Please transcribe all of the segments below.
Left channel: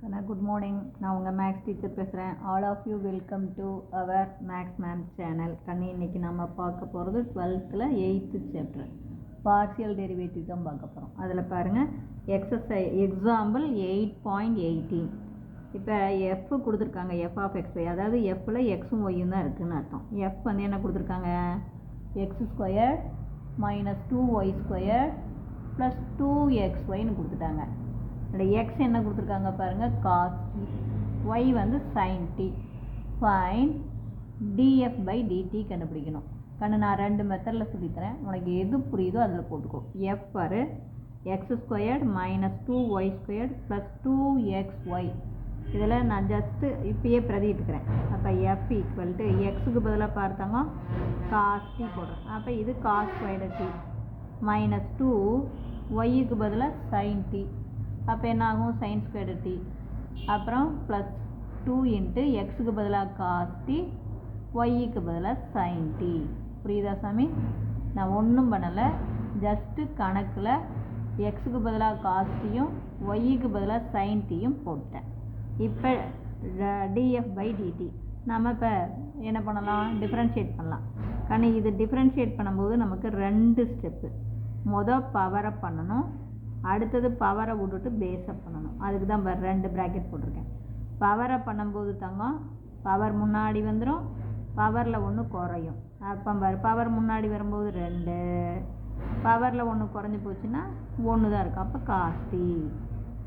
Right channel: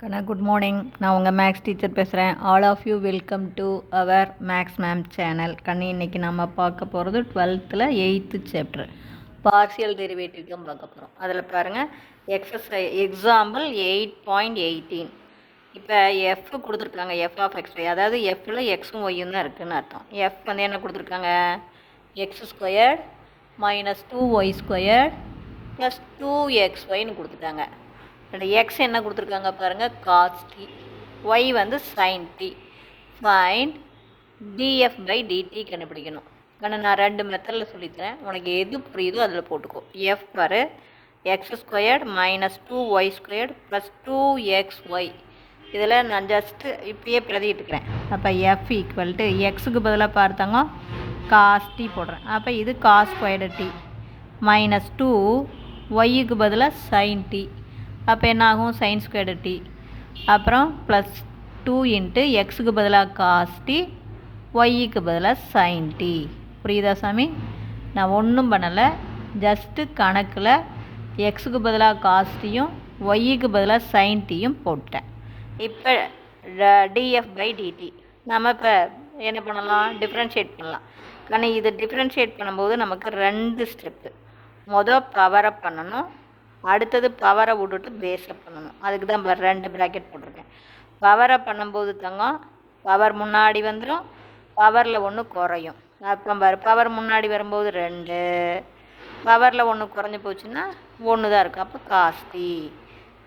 கண்ணா good morning. நான் உங்கள் maths teacher பேசுகிறேன். All of you welcome to our maths ma'am channel. கண்ணு இன்றைக்கி நம்ம பார்க்க போகிறது 12th 8th chapter partial derivative தான் பார்க்க போகிறோம். அதில் பாருங்கள் எக்ஸாம்பிள் 8.18. இப்போ எஃப் கொடுத்துருக்காங்க, எஃப் ஆஃப் எக்ஸ் ஒய், அதாவது எஃப்பில் எக்ஸும் ஒய்யும் தான் இருக்குதுன்னு அர்த்தம். எஃப் வந்து என்ன கொடுத்துருக்காங்க, x square minus 2y² plus 2xyன்னு கொடுத்துட்டாங்க. அந்த எக்ஸ் என்ன கொடுத்துருக்காங்க பாருங்கள், காஸ் டி, ஒய் வந்து sine t. Find df by dt கண்டுபிடிக்கணும். ஆனால் நான் 2 மெத்தடில் சொல்லித்தரேன், உனக்கு எது புரியுதோ அதில் போட்டுக்கோ. எஃப் பாரு, X squared minus 2y² plus 2xy. இதில் நான் ஜஸ்ட்டு இப்போயே பிரதிட்டுக்கிறேன். அப்போ எஃப் ஈக்குவல் டு எக்ஸுக்கு பதிலாக பார்த்தாங்க காஸ் டி போடுறேன். அப்போ இது காஸ் ஸ்கொயர்டு டி மைனஸ் 2 ஒய்யுக்கு பதிலாக சைன் டி. அப்போ என்ன ஆகும், சைன் ஸ்கொயர்டு டி. அப்புறம் ப்ளஸ் 2 இன்ட்டு எக்ஸுக்கு பதிலாக காஸ் டி, ஒய்யுக்கு பதிலாக சைன் டி. புரியுதா சாமி? நான் ஒன்றும் பண்ணலை, ஜஸ்ட்டு கணக்கில் எக்ஸுக்கு பதிலாக காஸ் டியும் ஒய்யுக்கு பதிலாக சைன் டியும் போட்டேன். இப்போ டிஎஃப் பை டிடி நம்ம இப்போ என்ன பண்ணலாம், டிஃப்ரென்ஷியேட் பண்ணலாம். ஆனால் இது டிஃப்ரென்ஷியேட் பண்ணும்போது நமக்கு 2 ஸ்டெப்பு. பவரை பண்ணணும், அடுத்தது பவரை விட்டுட்டு பேஸை பண்ணணும். அதுக்கு தான் 2 ப்ராக்கெட் போட்டிருக்கேன். பவரை பண்ணும்போது தங்கம் பவர் முன்னாடி வந்துடும், பவரில் 1 குறையும். அப்போ பவர் முன்னாடி வரும்போது 2, பவரில் 1 குறைஞ்சி போச்சுன்னா 1 தான் இருக்கும். அப்போ காஸ்டி.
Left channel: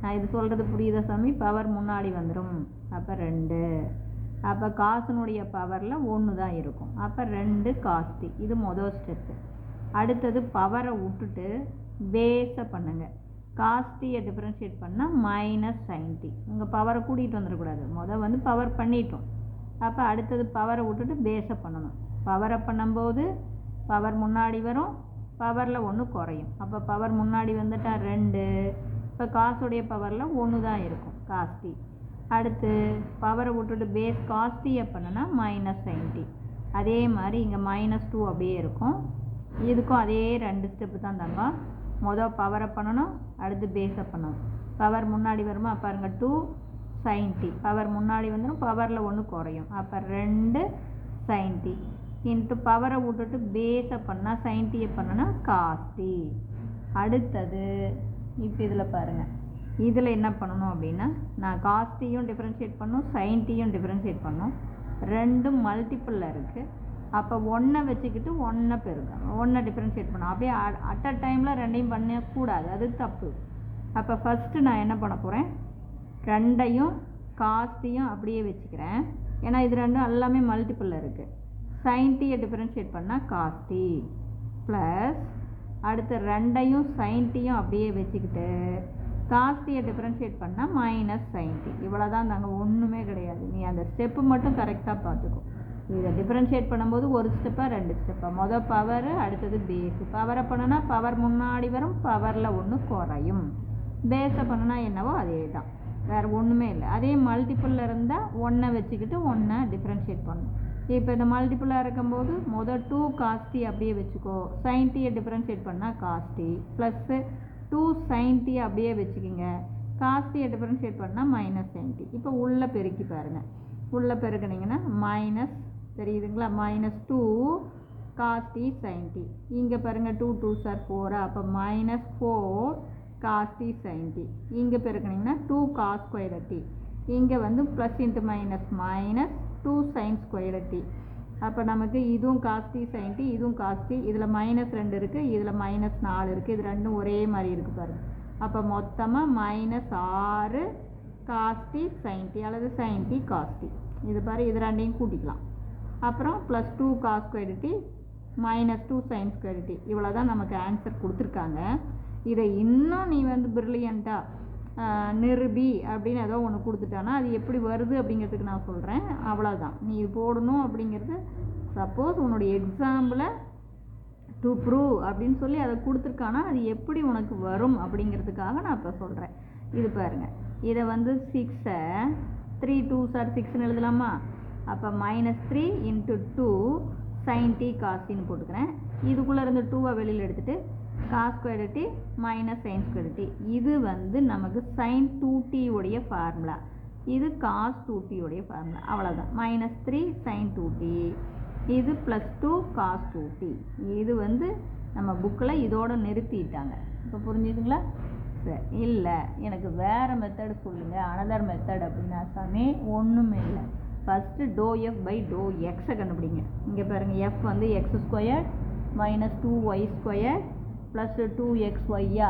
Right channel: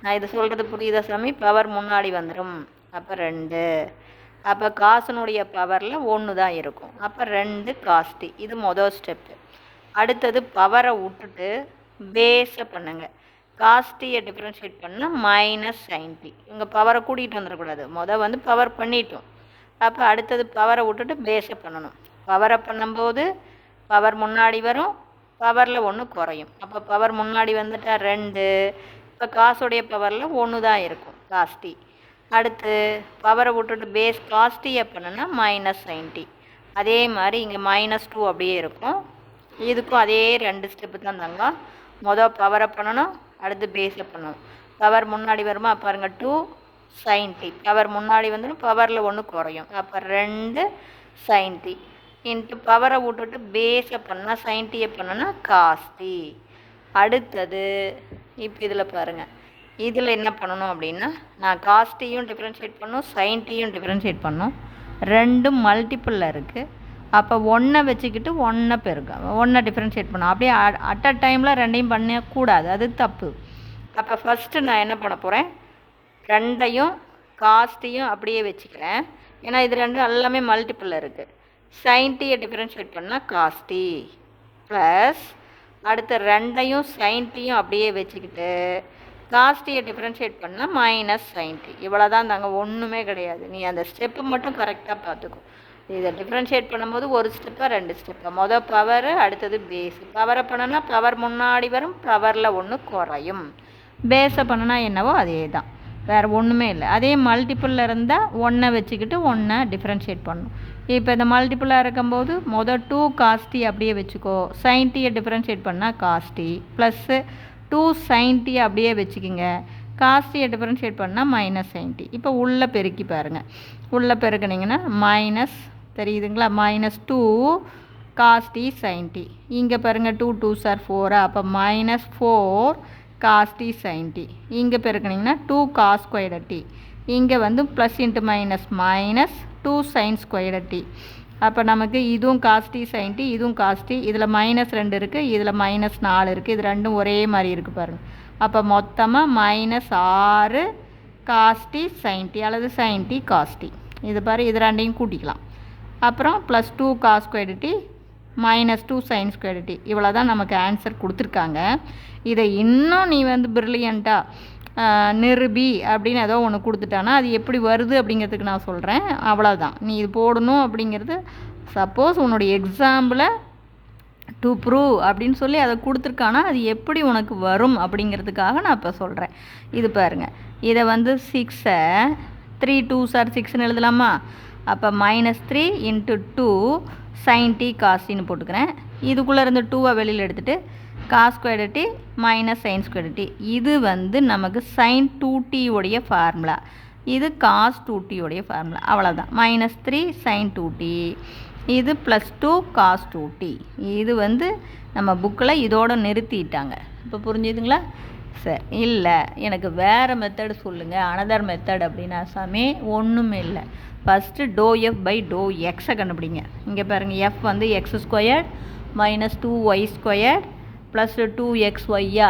நான் இது சொல்கிறது புரியுதா சாமி? பவர் முன்னாடி வந்துடும், அப்போ 2. அப்போ காசுனுடைய பவரில் 1 தான் இருக்கும், அப்போ 2 காஸ்டி. இது மொதல் ஸ்டெப்பு. அடுத்தது பவரை விட்டுட்டு பேஸை பண்ணுங்க. காஸ்டியை டிஃப்ரென்ஷியேட் பண்ணால் மைனஸ் சைன் டி. இங்கே பவரை கூட்டிகிட்டு வந்துடக்கூடாது, வந்து பவர் பண்ணிட்டோம். அப்போ அடுத்தது பவரை விட்டுட்டு பேஸை பண்ணணும். பவரை பண்ணும்போது பவர் முன்னாடி வரும், பவரில் 1 குறையும். அப்போ பவர் முன்னாடி வந்துட்டால் 2, இப்போ காசுடைய பவரில் 1 தான் இருக்கும், காஸ்டி. அடுத்து பவரை விட்டுட்டு பேஸ் காஸ்டியை பண்ணுனா மைனஸ் சைன் டி. அதே மாதிரி இங்கே -2 அப்படியே இருக்கும். இதுக்கும் அதே 2 ஸ்டெப்பு தான் தாங்க. பவரை பண்ணணும், அடுத்து பேஸை பண்ணணும். பவர் முன்னாடி வருமா பாருங்கள், 2 சைன் டி. பவர் முன்னாடி வந்துடும், பவரில் 1 குறையும். அப்போ 2 சைன் டி இன்ட்டு பவரை விட்டுட்டு பேஸை பண்ணால் சைன் டியை பண்ணோன்னா காஸ்டி. அடுத்தது இப்போ இதில் பாருங்கள், இதில் என்ன பண்ணணும் அப்படின்னா, நான் காஸ்டியும் டிஃப்ரென்ஷியேட் பண்ணணும், சைன் டியும் டிஃப்ரென்ஷியேட் பண்ணணும். 2 மல்டிப்புளில் இருக்குது. அப்போ 1 வச்சுக்கிட்டு 1 பெருக்கும், 1 டிஃப்ரென்ஷியேட் பண்ணணும். அப்படியே அட் அ டைமில் 2ஐயும் பண்ணக்கூடாது, அது தப்பு. அப்போ ஃபஸ்ட்டு நான் என்ன பண்ண போகிறேன், 2ஐயும் காஸ்டியும் அப்படியே வச்சுக்கிறேன். ஏன்னா இது 2 எல்லாமே மல்டிப்புளில் இருக்குது. சைன் டியை டிஃப்ரென்ஷியேட் பண்ணால் காஸ்டி ப்ளஸ் அடுத்த 2ஐயும் சைன் டியும் அப்படியே வச்சுக்கிட்டு காஸ்டியை டிஃப்ரென்ஷியேட் பண்ணால் மைனஸ் சைன் டி. இவ்வளோ தான் தாங்க, ஒன்றுமே கிடையாது. நீ அந்த ஸ்டெப்பு மட்டும் கரெக்டாக பார்த்துக்கோ. இதை டிஃப்ரென்ஷியேட் பண்ணும்போது 1 ஸ்டெப்பாக 2 ஸ்டெப்பாக. பவர், அடுத்தது பேஸ். பவரை பண்ணனா பவர் முன்னாடி வரும், பவரில் 1 குறையும். பேஸை பண்ணனா என்னவோ அதே தான், வேறு ஒன்றுமே இல்லை. அதே மல்டிப்புளில் இருந்தால் 1 வச்சுக்கிட்டு 1 டிஃப்ரென்ஷியேட் பண்ணணும். இப்போ இந்த மல்டிப்புளாக இருக்கும்போது 2 காஸ்டி அப்படியே வச்சுக்கோ. சைன் டியை டிஃப்ரென்ஷியேட் பண்ணால் காஸ்டி ப்ளஸ்ஸு 2 சைன் டி அப்படியே வச்சுக்கிங்க. காஸ்டியை டிஃப்ரென்ஷியேட் பண்ணால் மைனஸ் சைன் டி. இப்போ உள்ளே பெருக்கி பாருங்கள், உள்ளே பெருக்கினீங்கன்னா மைனஸ் தெரியுதுங்களா, -2 காஸ்டி சைன் டி. இங்கே பாருங்கள் 2 2s are 4, அப்போ -4 காஸ்டி சைன் டி. இங்கே பெருக்கினீங்கன்னா 2 காஸ் ஸ்கொயர்டு டி. இங்கே வந்து plus into minus minus 2 sine squared t. அப்போ நமக்கு இதுவும் காஸ்டி சைன் டி, இதுவும் காஸ்டி. இதில் -2 இருக்குது, இதில் -4 இருக்குது. இது ரெண்டும் ஒரே மாதிரி இருக்குது பாருங்கள். அப்போ மொத்தமாக -6 காஸ்டி சைன் டி அல்லது சைன் டி காஸ்டி. இது பாரு, இது 2ஐயும் கூட்டிக்கலாம். அப்புறம் plus 2 cos squared t -2 sine squared t. இவ்வளோ தான் நமக்கு ஆன்சர் கொடுத்துருக்காங்க. இதை இன்னும் நீ வந்து பிரில்லியண்ட்டாக நிருபி அப்படின்னு ஏதோ ஒன்று கொடுத்துட்டானா அது எப்படி வருது அப்படிங்கிறதுக்கு நான் சொல்கிறேன். அவ்வளோதான், நீ இது போடணும் அப்படிங்கிறது. சப்போஸ் உன்னுடைய எக்ஸாம்பிளை டு ப்ரூவ் அப்படின்னு சொல்லி அதை கொடுத்துருக்கானா அது எப்படி உனக்கு வரும் அப்படிங்கிறதுக்காக நான் இப்போ சொல்கிறேன். இது பாருங்கள், இதை வந்து 6ஐ 3 2s are 6ன்னு எழுதலாமா? அப்போ -3 × 2 சைன் டி காஸ்டின்னு போட்டுக்கிறேன். இதுக்குள்ளே இருந்து 2ஐ வெளியில் எடுத்துகிட்டு cos square t minus sine square t. இது வந்து நமக்கு சைன் 2t உடைய ஃபார்முலா, இது காஸ் 2t உடைய ஃபார்முலா. அவ்வளோதான். -3 சைன் 2t, இது +2 காஸ் 2t. இது வந்து நம்ம புக்கில் இதோடு நிறுத்திட்டாங்க. இப்போ புரிஞ்சுதுங்களா? சரி. இல்லை எனக்கு வேறு மெத்தடு சொல்லுங்கள், அனதர் மெத்தட் அப்படின்னா சாமி ஒன்றுமே இல்லை. First dow f by dow எக்ஸை கண்டுபிடிங்க. இங்கே பாருங்கள், எஃப் வந்து x² -2y² ப்ளஸ் 2xyயா.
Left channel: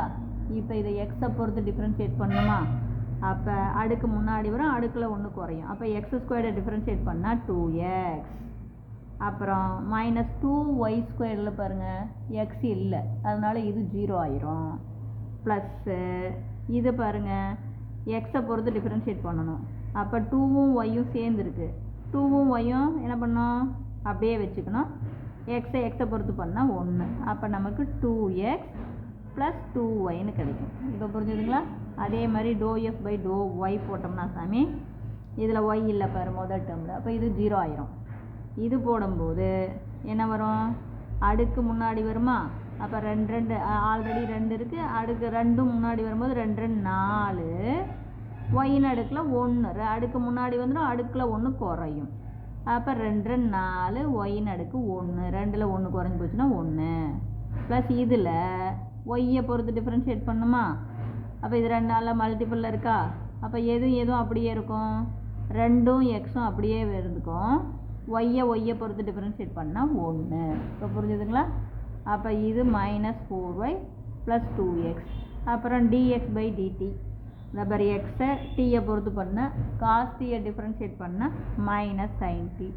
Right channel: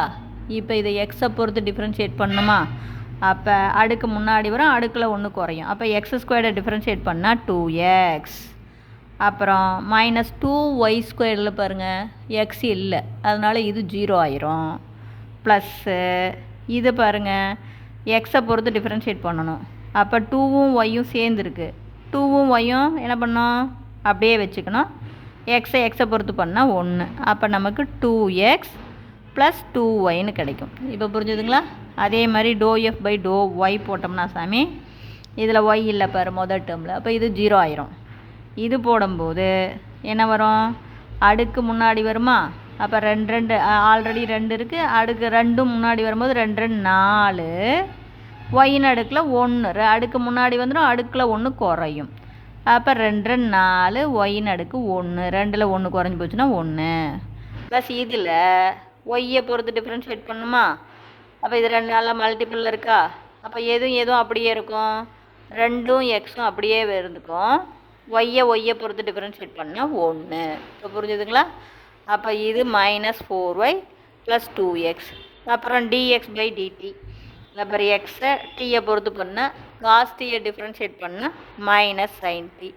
இப்போ இதை எக்ஸை பொறுத்து டிஃப்ரென்ஷியேட் பண்ணணுமா? அப்போ அடுக்கு முன்னாடி வரும், அடுக்கில் 1 குறையும். அப்போ x² டிஃப்ரென்ஷியேட் பண்ணால் 2x. அப்புறம் -2y² பாருங்கள், எக்ஸ் இல்லை, அதனால் இது 0 ஆயிரும். ப்ளஸ்ஸு இது பாருங்கள், எக்ஸை பொறுத்து டிஃப்ரென்ஷியேட் பண்ணணும். அப்போ 2ம் ஒய்யும் சேர்ந்துருக்கு. 2ம் ஒய்யும் என்ன பண்ணோம், அப்படியே வச்சுக்கணும். எக்ஸை பொறுத்து பண்ணால் 1. அப்போ நமக்கு 2x + 2yன்னு கிடைக்கும். இப்போ புரிஞ்சுதுங்களா? அதே மாதிரி dow f by to y போட்டோம்னா சாமி, இதில் ஒய் இல்லை பாரு முதல் டேர்மில், அப்போ இது 0 ஆயிரும். இது போடும்போது என்ன வரும், அடுக்கு முன்னாடி வருமா? அப்போ 2 ஆல்ரெடி 2 இருக்குது, அடுக்கு 2 முன்னாடி வரும்போது 2 4, ஒயின் அடுக்கில் 1 அடுக்கு முன்னாடி வந்துடும், அடுக்கில் 1 குறையும். அப்போ 2 4, ஒயின் அடுக்கு 1, 2ல் 1 குறைஞ்சி போச்சுன்னா 1 ப்ளஸ் இதில் ஒய்யை பொறுத்து டிஃப்ரென்ஷியேட் பண்ணுமா? அப்போ இது 2 நாளில் மல்டிபிளில் இருக்கா? அப்போ எதுவும் அப்படியே இருக்கும், 2ம் எக்ஸும் அப்படியே இருந்துக்கும். ஒய்யை பொறுத்து டிஃப்ரென்ஷியேட் பண்ணால் 1. இப்போ புரிஞ்சுதுங்களா? அப்போ இது -4y + 2x. அப்புறம் dx பை dt. அப்புறம் எக்ஸை டீயை பொறுத்து பண்ணால் காஸ் டீயை டிஃப்ரென்ஷியேட் பண்ணால் -sin t.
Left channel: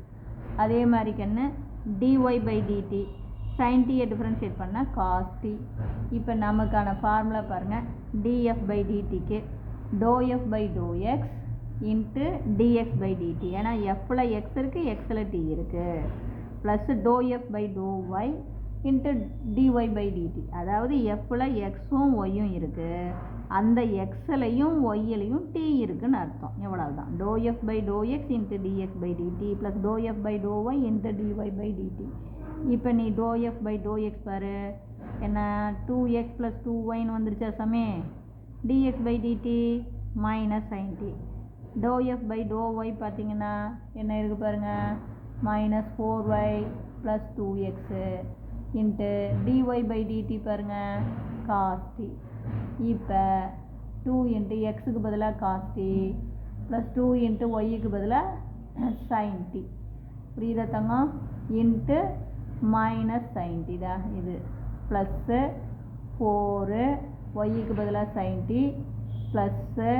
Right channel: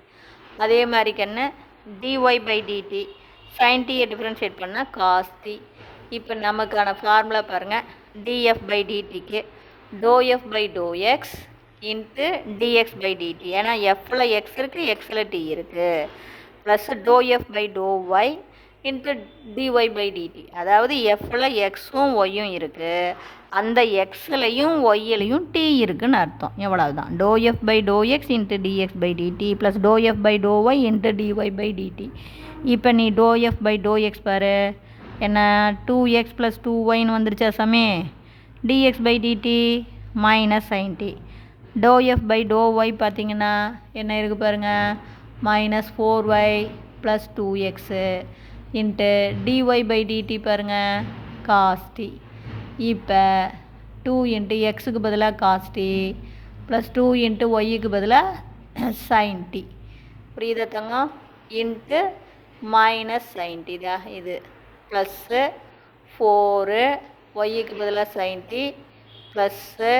அதே மாதிரி கண்ணு dy பை dt, சைன் டீயை டிஃப்ரென்ஷியேட் பண்ணால் காஸ் t. இப்போ நமக்கான ஃபார்முலா பாருங்கள், df பை dtக்கு doh f by to x into dx by dt. ஏன்னா எஃப்பில் எக்ஸ் இருக்குது, எக்ஸில் டி இருக்குது. Plus to f by to y into dy by dt. அதாவது எஃப்பில் எக்ஸும் ஒய்யும் இருக்குது, அந்த எக்ஸ்லையும் ஒய்யிலையும் டி இருக்குதுன்னு அர்த்தம். எவ்வளவுதான். Dow f by to x into d x by d t plus to f by to y into d y by d t. இப்போ நீ dow f by to x பாரு, என்ன 2x + 2yன்னு வந்துருச்சா சாமி? dx by d t -sin t. Dow f by to y பார்த்தீங்கன்னா என்ன இருக்குது பாருங்கள், -4y + 2x into dy by d t பாருங்கள், காஸ் டி. இப்போ 2 இன்ட்டு எக்ஸுக்கு பதிலாக காஸ் டி ப்ளஸ் 2 இன்ட்டு ஒய்க்கு பதிலாக சைன் டி. புரியுதா தங்கம்? இன்ட்டு -sin t தான் இது. ப்ளஸ்ஸு 4 ஒய்க்கு பதிலாக சைன் டி ப்ளஸ்ஸு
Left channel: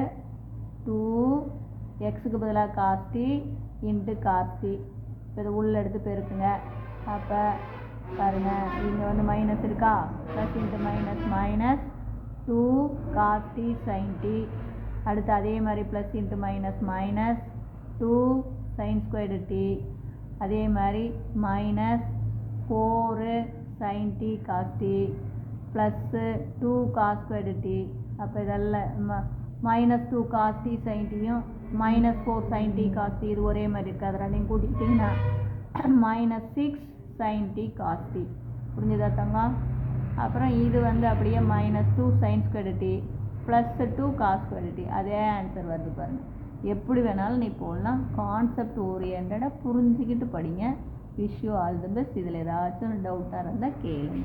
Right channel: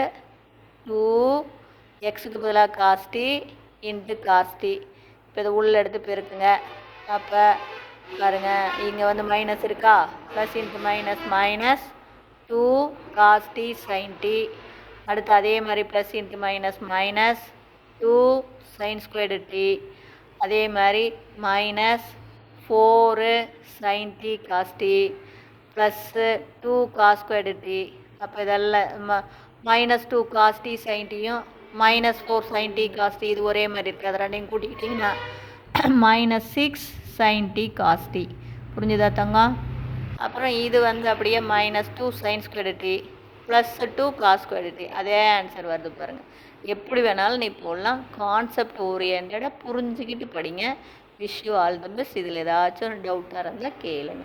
2 எக்ஸுக்கு பதிலாக cos t into cos t. இப்போ இதை உள்ள எடுத்து பெருக்குங்க. அப்போ பாருங்கள், இங்கே வந்து மைனஸ் இருக்கா, plus into minus 2 cos t sine t. அடுத்து அதே மாதிரி plus into minus 2 sine squared t. அதே மாதிரி -4 sine t cos t plus 2 cos squared t. அப்போ இதெல்லாம் -2 காஸ் டி சைன் டியும் -4 சைன் டி காஸ் டி இது ஒரே மாதிரி இருக்குது. அதை ரெண்டையும் கூட்டிக்கிட்டிங்கன்னா -6 சைன் டி காஸ் டி. புரிஞ்சுதா தங்கம்? அப்புறம் இது வந்து அப்படியே -2 sine squared t plus 2 cos squared t. அதே ஆன்சர் வருது பாருங்கள். எப்படி வேணாலும் நீ போடலாம், கான்செப்ட் ஓரியன்டாக புரிஞ்சுக்கிட்டு படிங்க. Wish you all the best. இதில் ஏதாச்சும் ஒரு டவுட்டாக இருந்தால் கேளுங்க.